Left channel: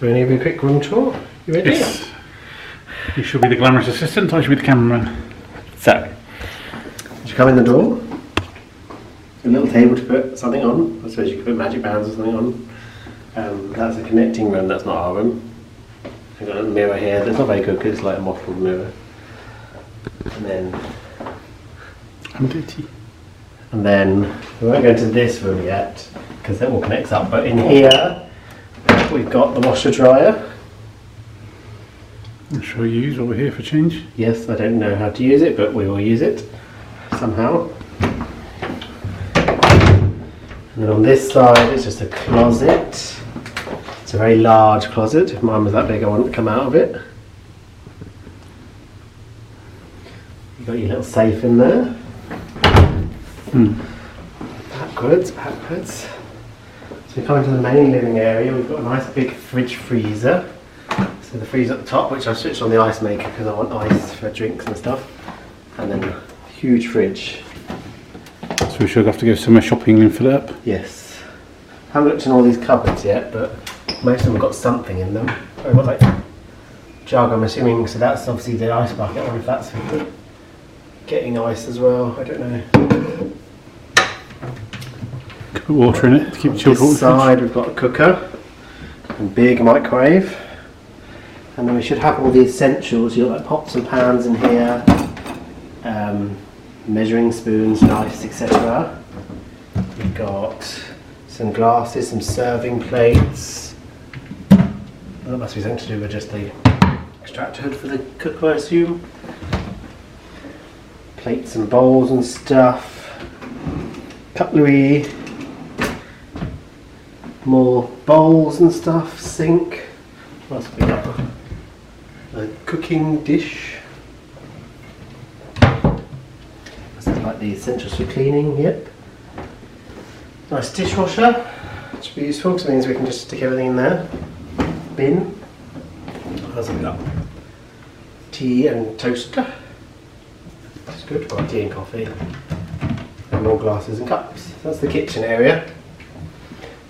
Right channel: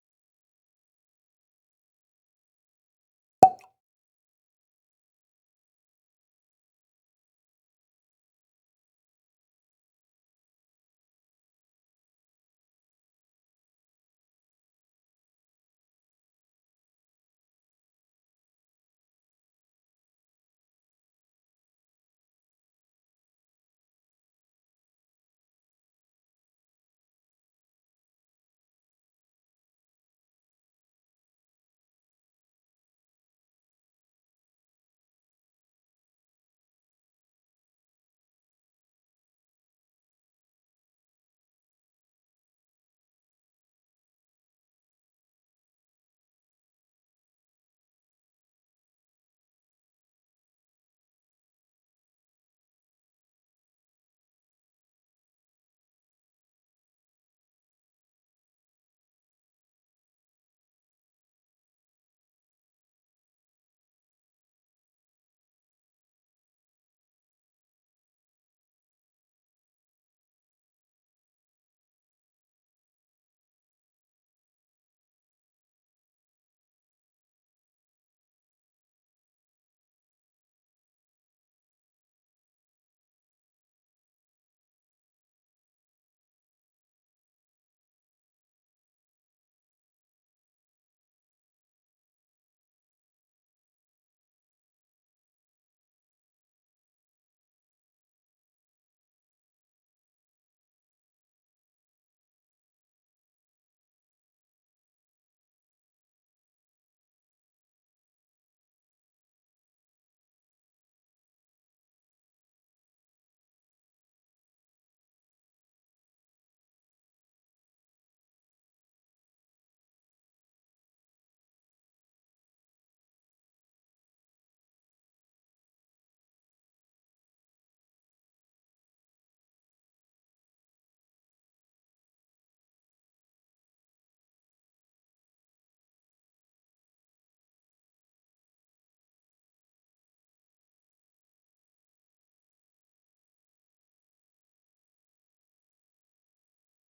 So we're going to give you a quick room tour. You ready? Yes. You should be the glamorous assistant, I should be the cameraman. So, as you come in the door, a little table to put something on. I suppose you could put magic bands or something on. That's a connecting room, that's not our room. We've got a mirror here that's not very good because it's like a mottled mirror. And then I'm dirty. And then we won't go into this room yet because that all connects up. But in here we've got the washer dryer. I'm sure you use what we're here for change. Yes, I don't know how to use it, but we will use it somehow. And then on this side it's just a closet. It's a very large closet. If mine was that big I wouldn't come out of it. You've got your little safe in there. Backwards. So we come into the main living area. We've got a nice big fridge freezer. So the freezer at the top, which I've switched on the ice maker because I want ice for drinks and stuff. And then a huge fridge. So we should have to go somewhere shopping and fill it up. Yes. I haven't looked in all these cupboards yet, but most of them have got something in them. I've got like jug, I'm assuming, so that's obviously the ice bucket. I wonder if that's for getting ice as well. I don't know. Could put water in it to keep it chilled. On this side we've got a cooker and big microwave. And then we should have all the essentials. You've got like pots and pans in here, measuring spoons, knives, etc. We've got some glasses, some serving plates. That must be something to do with just the extractor hood for the cooker, I assume. Plates and bowls and stuff. Cutlery. More bowls and stuff. Sink. What else have we got? A cooking dish. This is like the essentials for cleaning, yep. Nice dishwasher, which should be useful because it means we can just stick everything in there. Bin. What else have we got? Tea and toaster. That's good, we've got tea and coffee. And more glasses and cups. That's the kitchen area.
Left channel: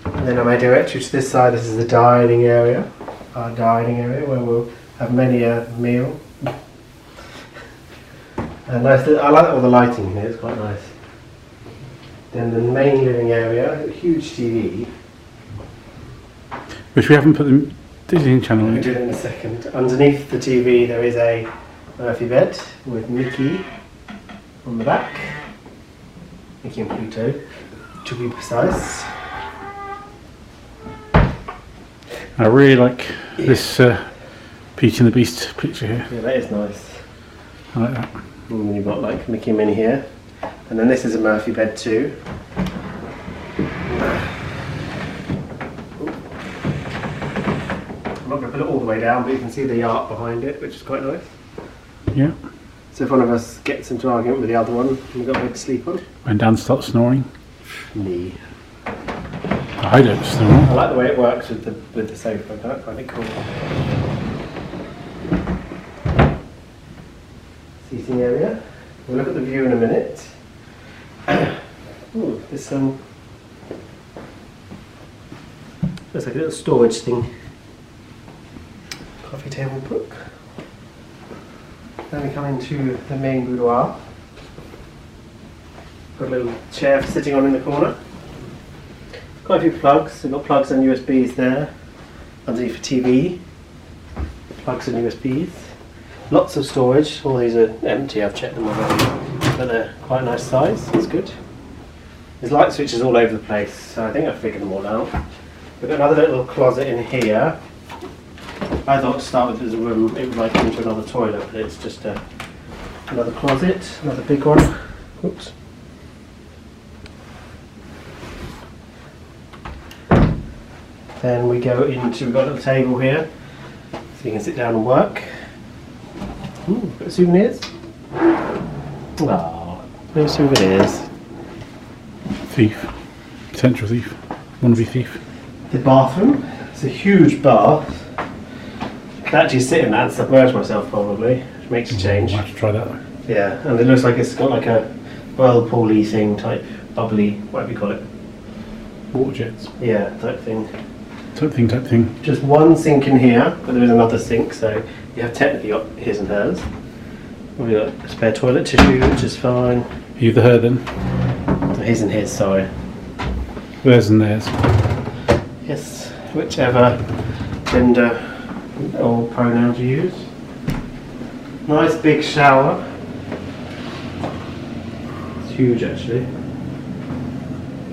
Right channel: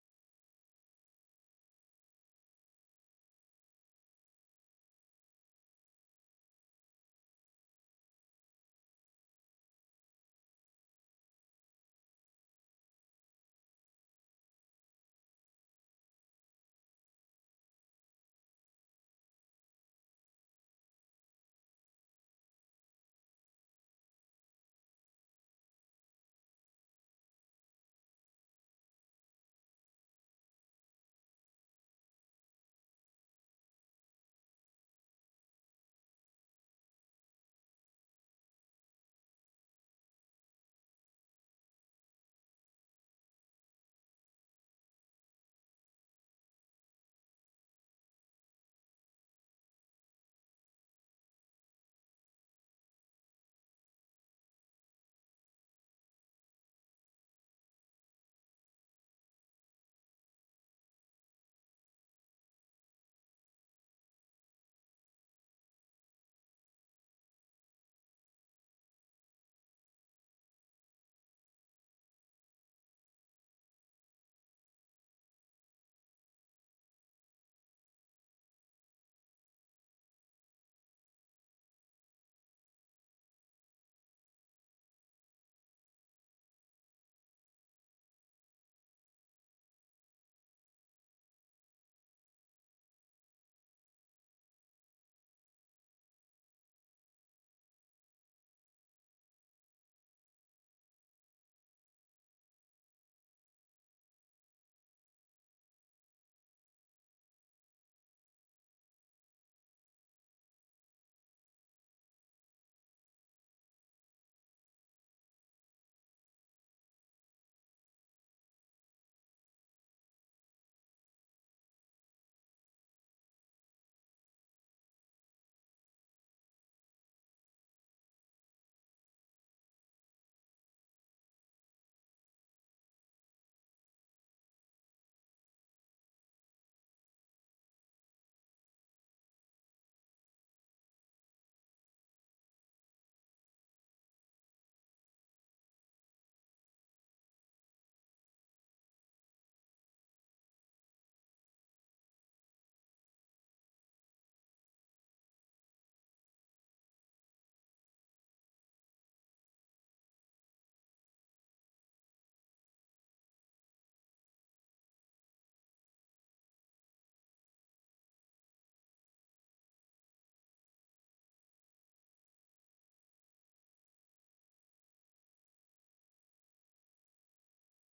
And then I made directly to this side, this is the dining area. Our dining area where we'll have many a meal. And nice, I like all the lighting in here, it's quite nice. Then the main living area, a huge TV. Which we haven't put the Disney channel We'll in. do it in a second. Underneath the TV there is a Murphy bed with Mickey on the back. Mickey and Pluto, to be precise. I really like this Beauty and the Beast picture here. Yeah, that is nice. I like that. And then you've got like Mickey and Minnie here. And then this is a Murphy bed too. I'm not going to put it all the way down, but you can see the art behind it, which is quite nice. Yeah. So if one of us gets into an argument with the other one, we've got a bed to sleep on. When Dan starts snoring. Me. I don't snore. I like the way it works with the sofa. I find it cool. Seating area. We'll look at the view in a minute. Ooh, this looks like a little storage thing. Coffee table book. Then we come into the main boudoir. Got a little chair sitting on in the corner. Quite a few plugs. We've got plugs and USBs there. Underneath for TV. Plugs and USBs. Lots of storage. All these are empty, I've checked them already. But they're quite a nice size, that's good. There's light switches all over the place, so I think I've figured them all out. We've got another little closet in here. I thought to start with as a room, it would like into another toilet, but it's just another closet, another big one. Oops. Then we go into, we've got a little table here, so you can sit down and work. Ooh, got souvenirs. Oh, no souvenirs. Thief. Central thief. Wannabe thief. The bathroom. It's a huge bath. I can actually sit in that and submerge myself probably, which makes a change. I'll have to try that. Yeah, and it looks like it's got like a whirlpool-y thing type, bubbly, whatever you call it. Water jets. Yeah, type thing. type thing. Just one sink in here, but there is another sink, so you have technically got his and hers. We've got a spare toilet tissue, which is fine. You the her then? His and his, sorry. Theirs and theirs. Yes, whichever gender or pronoun you use. Nice big shower. It's huge actually.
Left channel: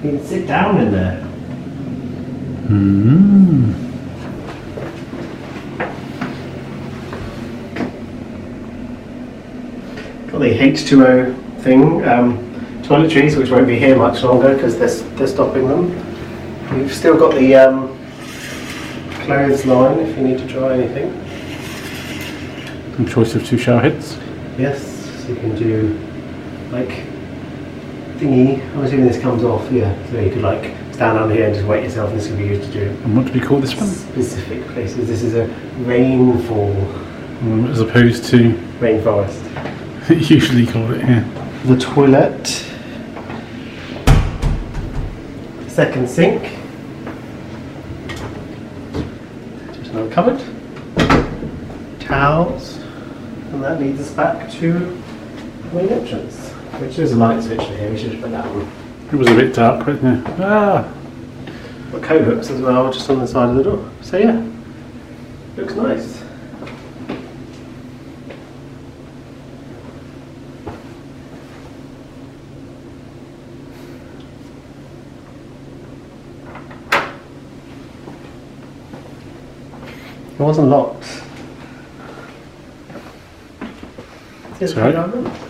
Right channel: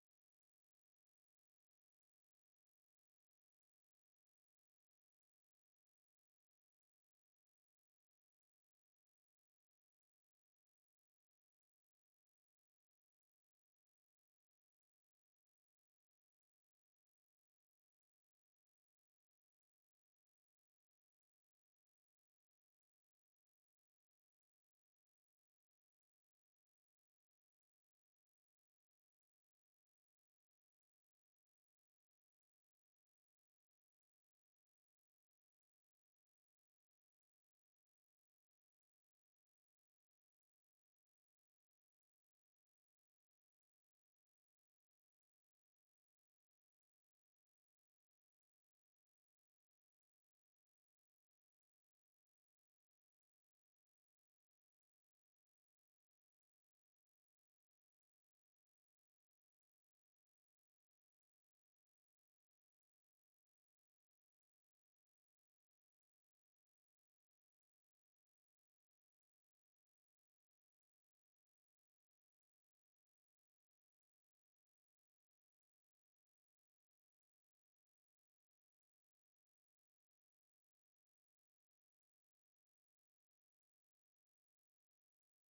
You can sit down in there. Got the H2O thing, toiletries, which won't be here much longer because they're stopping them. You've still got the clothes line if you need to dry anything. And choice of 2 shower heads. Yes, so you can do like thingy. I'm assuming this comes off, yeah. So you could like stand under here and just wet yourself, and this could be used to do And what do we call this one? specific places. This is a rainfall. As opposed to Rainforest. usually call it here. The toilet. Second sink. Just another cupboard. Towels. And that leads us back to the main entrance. Which is a light switch here, we should just put that on. It was a bit dark, wasn't it? Got coat hooks as well, just on the side of the door. So yeah, looks nice. It wasn't locked. It's alright.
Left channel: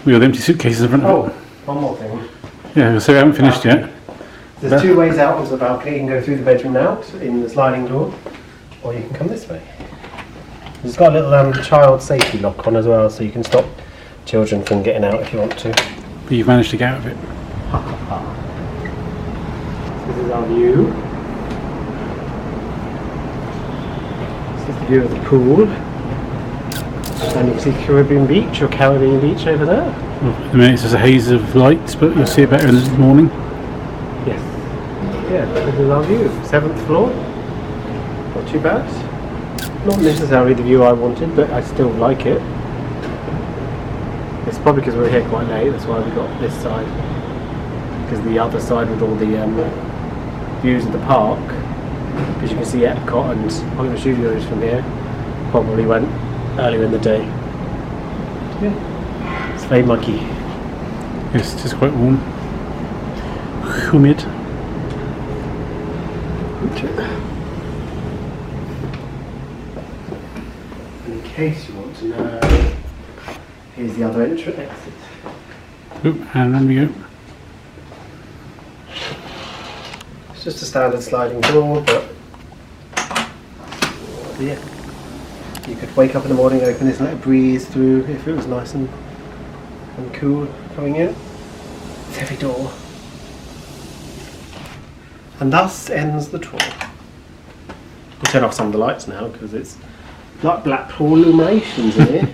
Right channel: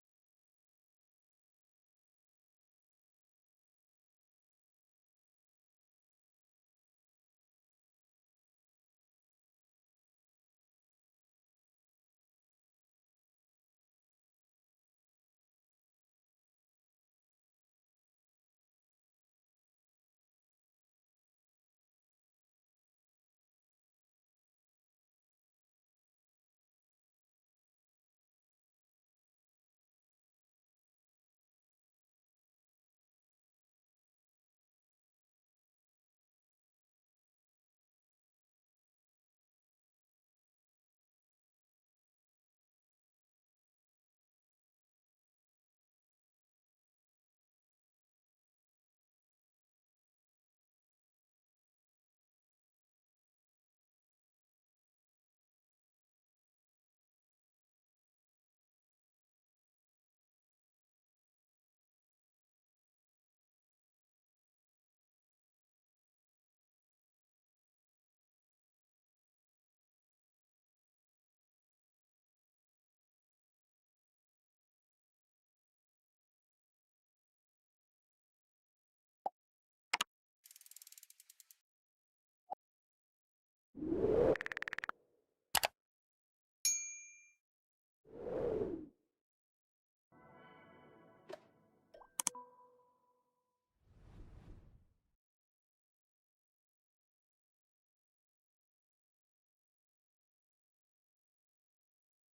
We got the empty suitcases in front of it. Oh, one more thing. Yeah, so we haven't finished yet. There's 2 ways out onto the balcony. You can go through the bedroom out in the sliding door, or you can come this way. It's got a little child safety lock on as well, so you can stop children from getting out if you want to. But you've managed to get out of it. This is our view. This is the view of the pool. And you can see Caribbean Beach or Caribbean Beach over there. Well, at the minute it's just a haze of lights, but you'll see it better in the morning. Yes. Yeah, this is our view. 7th floor. Not too bad. Not necessarily the view I wanted, but I still like it. It's probably because we're here quite late, that's why we got this side. Because the other side with all the views of the park, because you can see Epcot and Hollywood Studios from here, probably went earlier in the day. Yeah. It's very muggy. Yes, it is quite warm. Humid. In case you want to know, here's the other exit. Oop, and then we go. It's just a standard sliding door, but yeah. You could wake up in the morning, open this and let it breeze through if it was nice and cool coming in. It's a heavy door. And thus ends the tour. We'll turn off some of the lights now because it's like Blackpool illuminations in here.